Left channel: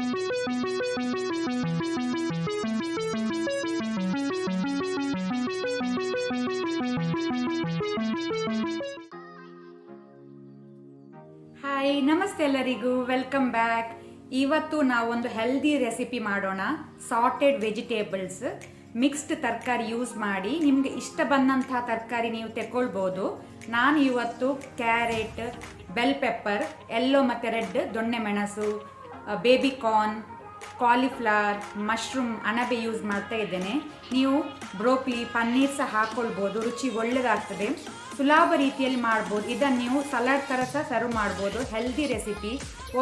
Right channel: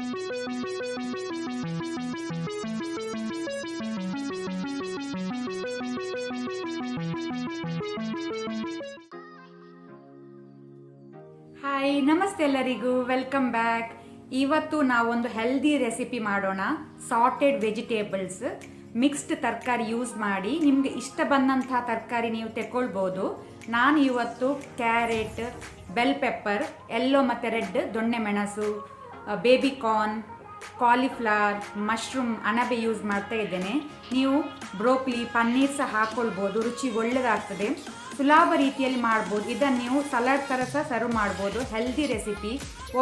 Hi, ನಮಸ್ತೆ ಎಲ್ಲರಿಗೂ, welcome back. ಇವತ್ತು ನಾವೊಂದು ಹೆಲ್ದಿ ರೆಸಿಪಿ ಮಾಡೋಣ. ಸಾಟೆಡ್ ವೆಜಿಟೇಬಲ್ಸ್, ಮಿಕ್ಸ್ಡ್ ತರಕಾರಿ ಯೂಸ್ ಮಾಡಿ ನಿಮಗೆ ಇಷ್ಟ ಬಂದಂತಹ ತರಕಾರಿ ನೀವು ತೆಗೊಳ್ಬೋದು. ನಾನು ಇವತ್ತು ಕ್ಯಾರೆಟ್, ಬೆಲ್ ಪೆಪ್ಪರ್, ಯೆಲ್ಲೋ ಮತ್ತು ರೆಡ್, ದೊಣ್ಣೆ ಮೆಣಸು, ಬೇಬಿ ಕಾರ್ನ್, ಕಾಲಿಫ್ಲವರ್, ಮಶ್ರೂಮ್, ಅಣಬೆ ಯೂಸ್ ಮಾಡ್ತಾ ಇದ್ದೇನೆ. ನೀವು ಬ್ರೋಕ್ಲಿ, ಪನ್ನೀರ್ ಸಹ ಹಾಕ್ಕೊಳ್ಬೋದು, ರುಚಿ ಒಳ್ಳೆಯದಾಗ್ತದೆ. ಸುಲಭ ರೀತಿಯಲ್ಲಿ ಮಾಡ್ಬೋದು. ಇದನ್ನು ನೀವು ಸಲಾಡ್ ಥರ ಸಹ ಸರ್ವ್ ಮಾಡ್ಬೋದು. Healthy recipe.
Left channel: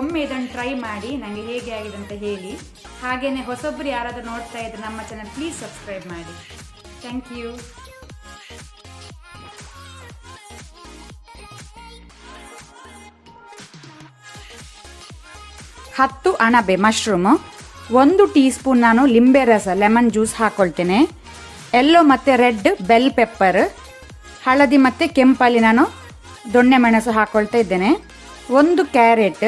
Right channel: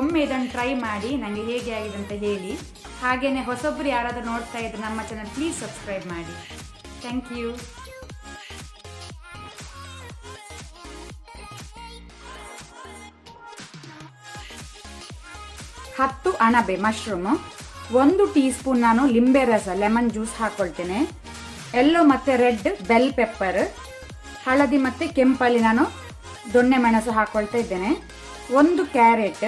ಒಮ್ಮೆ ಇದನ್ನು ಟ್ರೈ ಮಾಡಿ ನನಗೆ ಹೇಗೆ ಆಗಿದೆ ಅಂತ ಹೇಳಿ. ಹಾಗೆಯೇ ಹೊಸೊಬ್ಬರು ಯಾರಾದರೂ ನೋಡ್ತಾ ಇದ್ದರೆ ನಮ್ಮ ಚಾನಲ್ ಪ್ಲೀಸ್ ಸಬ್ಸ್ಕ್ರೈಬ್ ಮಾಡಿ. Thank you. ಹತ್ತು ಅಣಬೆ ಮಶ್ರೂಮ್, 1 ಟೀ ಸ್ಪೂನ್ ನಾನು ಲಿಂಬೆ ರಸ ಲೆಮನ್ ಜ್ಯೂಸ್ ಹಾಕ್ಕೊಳ್ತೇನೆ. ಯೆಲ್ಲೋ ಮತ್ತು ರೆಡ್ ಬೆಲ್ ಪೆಪ್ಪರ್, ಹಳದಿ ಮತ್ತು ಕೆಂಪಲ್ಲಿ ನಾನು ದೊಣ್ಣೆ ಮೆಣಸು ಹಾಕ್ಕೊಳ್ತಾ ಇದ್ದೇನೆ. 1 ಕ್ಯಾರೆಟ್,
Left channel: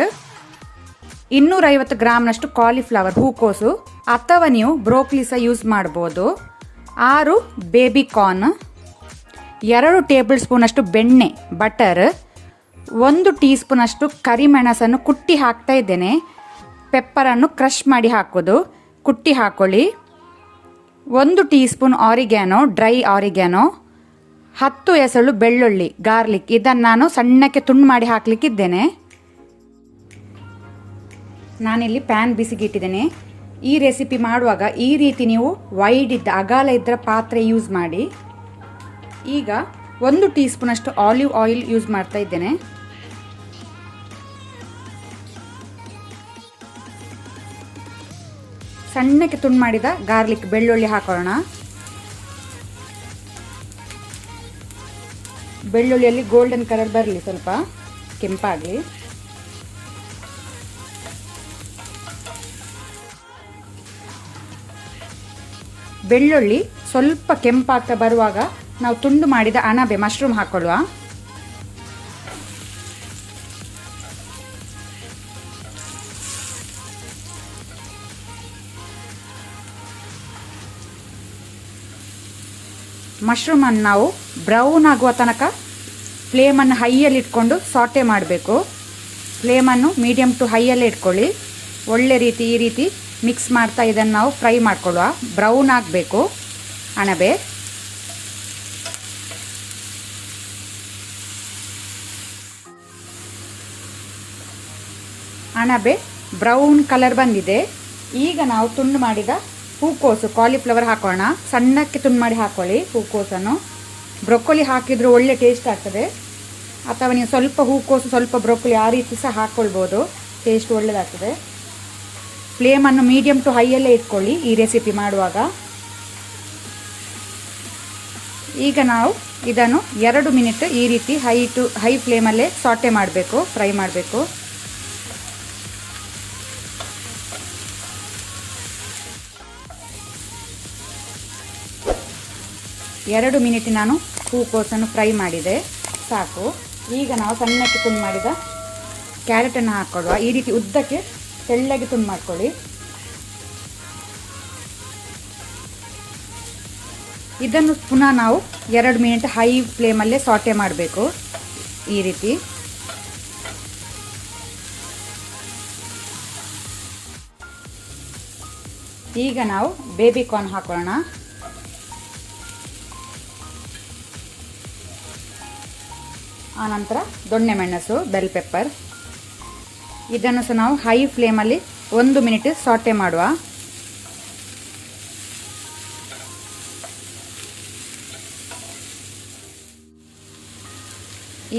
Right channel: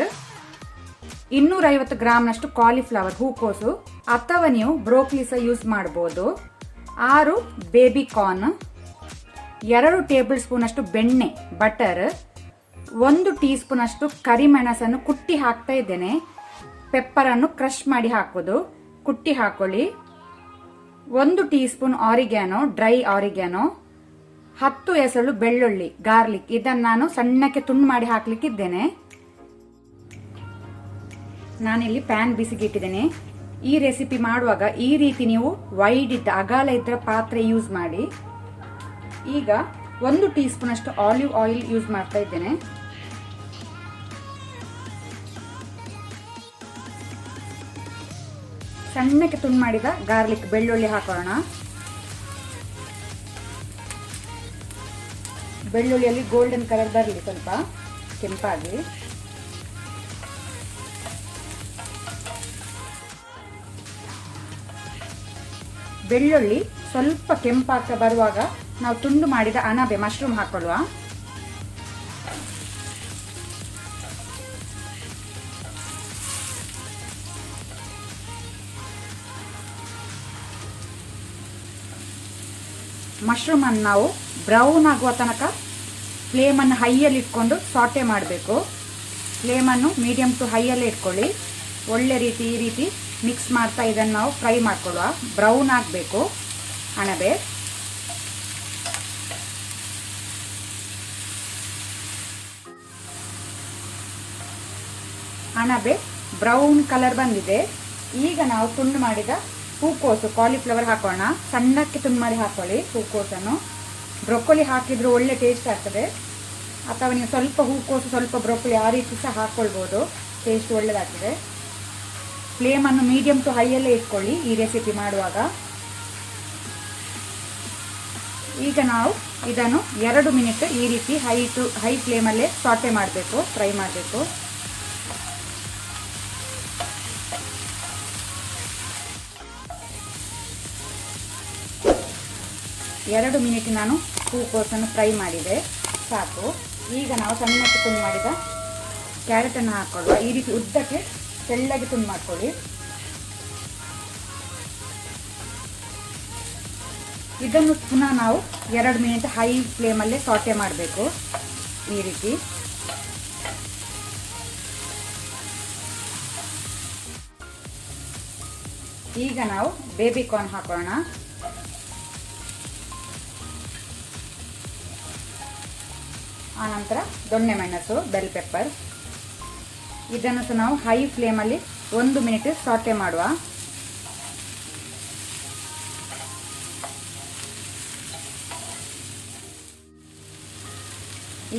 250 ಗ್ರಾಮ್ನಷ್ಟು ಕಾಲಿಫ್ಲವರ್ ಹೂಕೋಸು ಅಥವಾ ನೀವು ಬ್ರೋಕ್ಲಿ ಸಹ ಯೂಸ್ ಮಾಡ್ಬೋದು. 6 ಬೇಬಿ ಕಾರ್ನ್, 2 ಟೇಬಲ್ ಸ್ಪೂನಷ್ಟು ಬೆಣ್ಣೆ ಬಟರ್, 1 ಟೀ ಸ್ಪೂನಷ್ಟು ಕರಿಮೆಣಸನ್ನು ಕುಟ್ಟಿ ಹಾಕ್ತಾ ಇದ್ದೇನೆ. ಪೆಪ್ಪರನ್ನು ಕ್ರಷ್ ಮಾಡಿ ಹಾಕೋದು, ಕುಟ್ಟಿ ಹಾಕೊಳ್ಳಿ. 1 ಟೀ ಸ್ಪೂನ್ ಆರಿಗ್ಯಾನೋ, ಡ್ರೈ ಆರಿಗ್ಯಾನೋ, 10 ಎಸಳು ಬೆಳ್ಳುಳ್ಳಿ ಗಾರ್ಲಿಕ್, ಇದನ್ನು ನಾನು ಸಣ್ಣಕ್ಕೆ ತುಂಡು ಮಾಡಿ ಹಾಕ್ಲಿಕ್ಕಿದ್ದೇನೆ. ನಾನಿಲ್ಲಿ ಪ್ಯಾನ್ ಬಿಸಿಗೆ ಇಟ್ಟಿದ್ದೇನೆ. ಈ ರೆಸಿಪಿ ಮಾಡುವಾಗ ಈ ರೀತಿ ನೀವು ವೈಡ್ ಇದ್ದ ಅಗಾಲ ಇದ್ದ ಪಾತ್ರೆ ಯೂಸ್ ಮಾಡಿ. ಈಗ 1 ಟೀ ಸ್ಪೂನ್ ಅಷ್ಟು ಆಲಿವ್ ಆಯಿಲ್ ಯೂಸ್ ಮಾಡ್ತಾ ಇದ್ದೇನೆ. ಸಣ್ಣಕ್ಕೆ ತುಂಡು ಮಾಡಿದ ಗಾರ್ಲಿಕ್ ಬೆಳ್ಳುಳ್ಳಿ ಹಾಕೋಣ. ಬೆಳ್ಳುಳ್ಳಿಯಲ್ಲಿ ಗೋಲ್ಡನ್ ಕಲರ್ ಬರಲಿ, ಸ್ವಲ್ಪ ಕೆಂಪಾಗಿ. ಬೆಳ್ಳುಳ್ಳಿ ಸ್ವಲ್ಪ ಕೆಂಪಾಗ್ತಾ ಬರುವಾಗ ನಾವು ತುಂಡು ಮಾಡಿದ ಅಣಬೆ ಮಶ್ರೂಮ್ ಹಾಕೊಳ್ಳುವ. ಮಶ್ರೂಮನ್ನು ನಾವು ಬ್ರೌನ್ ಆಗುವ ತನಕ ಫ್ಲೇಮನ್ನು ಹೈಯಲ್ಲಿ ಇಟ್ಕೊಂಡು ಸಾಟೆ ಮಾಡಬೇಕು. ಫ್ಲೇಮನ್ನು ಮೀಡಿಯಮ್ ಟು ಹೈಯಲ್ಲೇ ಇಟ್ಕೊಳ್ಳಿ. ಒಳ್ಳೆ ರೀತಿ ಈ ರೀತಿ ಮಿಕ್ಸ್ ಮಾಡ್ತಾ ಇದನ್ನು ನಾವು ಫ್ರೈ ಮಾಡ್ಕೊಳ್ಳುವ. ಬ್ರೌನ್ ಆಗಬೇಕು ಅಣಬೆ. ಅಣಬೆ ಬ್ರೌನ್ ಕಲರ್ ಬಂದಿದೆ. ಈಗ ನಾವು ತುಂಡು ಮಾಡಿದ ಹೂಕೋಸು ಕಾಲಿಫ್ಲವರ್ ಹಾಕೋಣ. ಸಣ್ಣಕ್ಕೆ ತುಂಡು ಮಾಡಿ ಹಾಕೊಳ್ಳಿ ಹೂಕೋಸನ್ನು. ಬ್ರೊಕೊಲಿ ಹಾಕಿದ್ರು ಒಳ್ಳೆ ಟೇಸ್ಟ್ ಆಗ್ತದೆ. ಅಥವಾ ನೀವು ಸ್ವಲ್ಪ ಹೂಕೋಸು ಸ್ವಲ್ಪ ಬ್ರೊಕೊಲಿ ಆ ರೀತಿ ಸಹ ಹಾಕ್ಕೊಳ್ಬೋದು, ಟೇಸ್ಟ್ ಒಳ್ಳೆಯದಾಗ್ತದೆ. ಫ್ಲೇಮನ್ನು ಮೀಡಿಯಮ್ ಟು ಹೈಯಲ್ಲೇ ಇಟ್ಕೊಳ್ಳಿ ಈ ರೆಸಿಪಿ ಮಾಡುವಾಗ. ಈಗ ನಾವು ಇದನ್ನು 2 ಮಿನಿಟ್ ಈ ರೀತಿ ಹೈ ಫ್ಲೇಮಲ್ಲೇ ಸಾಟೆ ಮಾಡಬೇಕು, ಫ್ರೈ ಮಾಡಬೇಕು. ಎರಡು ಮಿನಿಟ್ ನಾನು ಹೂಕೋಸನ್ನು ಫ್ರೈ ಮಾಡಿದೆ, ಸಾಕು. ಈಗ ನಾವು ಸಣ್ಣಕ್ಕೆ ತುಂಡು ಮಾಡಿದ ಕ್ಯಾರೆಟನ್ನು ಹಾಕ್ಕೊಳ್ಳುವ. ಈ ರೀತಿ ಉದ್ದಕ್ಕೆ ತೆಳ್ಳಗೆ ತುಂಡು ಮಾಡ್ಕೊಳ್ಳಿ. ಇದನ್ನು ಪುನಃ ನಾವು 2 ಮಿನಿಟ್ ಹೈ ಫ್ಲೇಮಲ್ಲೇ ಸಾಟೆ ಮಾಡಬೇಕು ಈ ರೀತಿ. ಈಗ ನಾವು ಬೇಬಿ ಕಾರ್ನ್ ಹಾಕೋಣ. ಆನಂತರ ದೊಣ್ಣೆ ಮೆಣಸು, ಬೆಲ್ ಪೆಪ್ಪರ್, ಇದನ್ನು ಸಹ ನಾವು ಹೈ ಫ್ಲೇಮಲ್ಲಿ 1 ಮಿನಿಟ್ ಸಾಟೆ ಮಾಡುವ.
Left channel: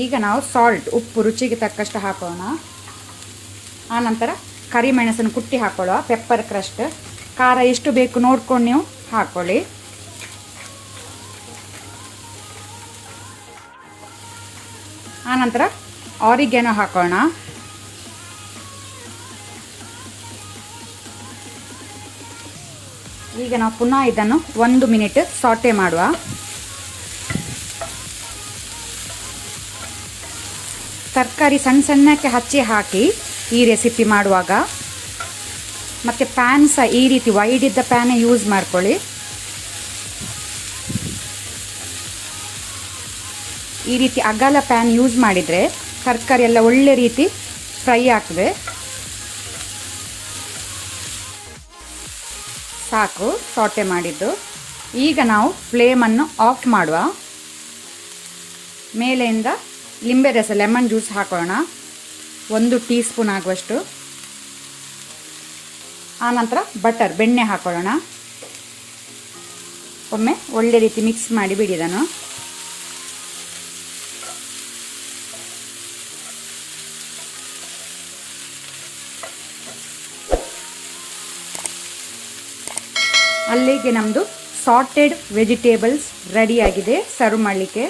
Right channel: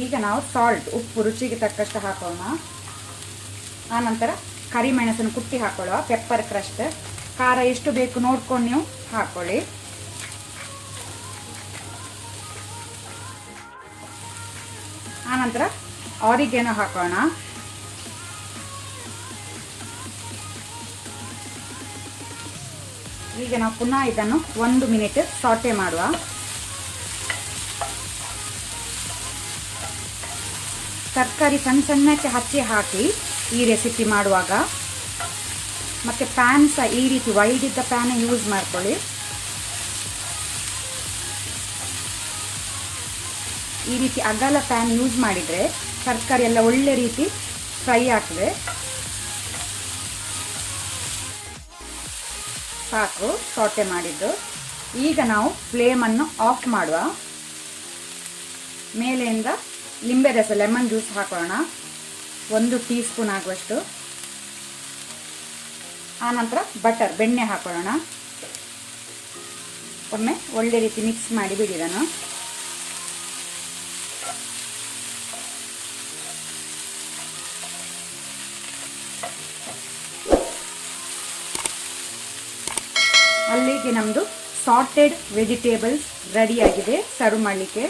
ಈಗ ನಾವು ಸಾಲ್ಟ್, ಉಪ್ಪು ರುಚಿಗೆ ತಕ್ಕಷ್ಟು ಹಾಕೋಣ. ಆನಂತರ ಕರಿಮೆಣಸನ್ನು ಕುಟ್ಟಿ ಹಾಕೊಳ್ಳುವ. ಪೆಪ್ಪರ್ ಕ್ರಸ್ಟ್, ಖಾರ ಎಷ್ಟು ಬೇಕು ನೋಡ್ಕೊಂಡು ನೀವು ಹಾಕೊಳ್ಳಿ. ಆನಂತರ ಆರಿಗ್ಯಾನೋ ಹಾಕೋಣ. ಈಗ ನಾವು ಪುನಃ ಇದನ್ನು 1 ಮಿನಿಟ್ ಸಾಟೆ ಮಾಡುವ. ತರಕಾರಿ ಸಣ್ಣ ಸಣ್ಣಕ್ಕೆ ಹಚ್ಚಿ ಹಾಕಿ ಈ ರೆಸಿಪಿ ಮಾಡುವಾಗ ಮತ್ತು ಪ್ಯಾನ್ ಸಹ ಈ ರೀತಿ ವೈಡ್ ಇದ್ದ ಪ್ಯಾನೇ ಯೂಸ್ ಮಾಡ್ಕೊಳ್ಳಿ. ಈ ರೀತಿ ಅಗಲ ಪ್ಯಾನ್ ಯೂಸ್ ಮಾಡಿದರೆ ತರಕಾರಿ ಎಲ್ಲ ಒಳ್ಳೆ ರೀತಿ ಫ್ರೈ ಆಗ್ತದೆ. ಸಾಕು ಸಾಟೆ ಮಾಡಿದ್ದು. ಈಗ ನಾವು ಫ್ಲೇಮನ್ನು ಆಫ್ ಮಾಡುವ. ಮೇಲೆಯಿಂದ ಲಿಂಬೆ ರಸ ಲೆಮನ್ ಜ್ಯೂಸ್ ಹಾಕೊಳ್ಳೋಣ, 1 ಟೀ ಸ್ಪೂನ್ ಆಗುವಷ್ಟು. ಆನಂತರ ಬಟರ್ ಬೆಣ್ಣೆ ಹಾಕೊಳ್ಳೋಣ. ಒಮ್ಮೆ ಒಳ್ಳೆ ರೀತಿ ಮಿಕ್ಸ್ ಮಾಡಿ ಬಿಡಿದನು. ಅಲ್ಲಿಗೆ ನಮ್ಮದು ಸಾಟೆಡ್ ವೆಜಿಟೇಬಲ್ಸ್ ರೆಡಿಯಾಗಿದೆ ಸರ್ವ್ ಮಾಡಲಿಕ್ಕೆ.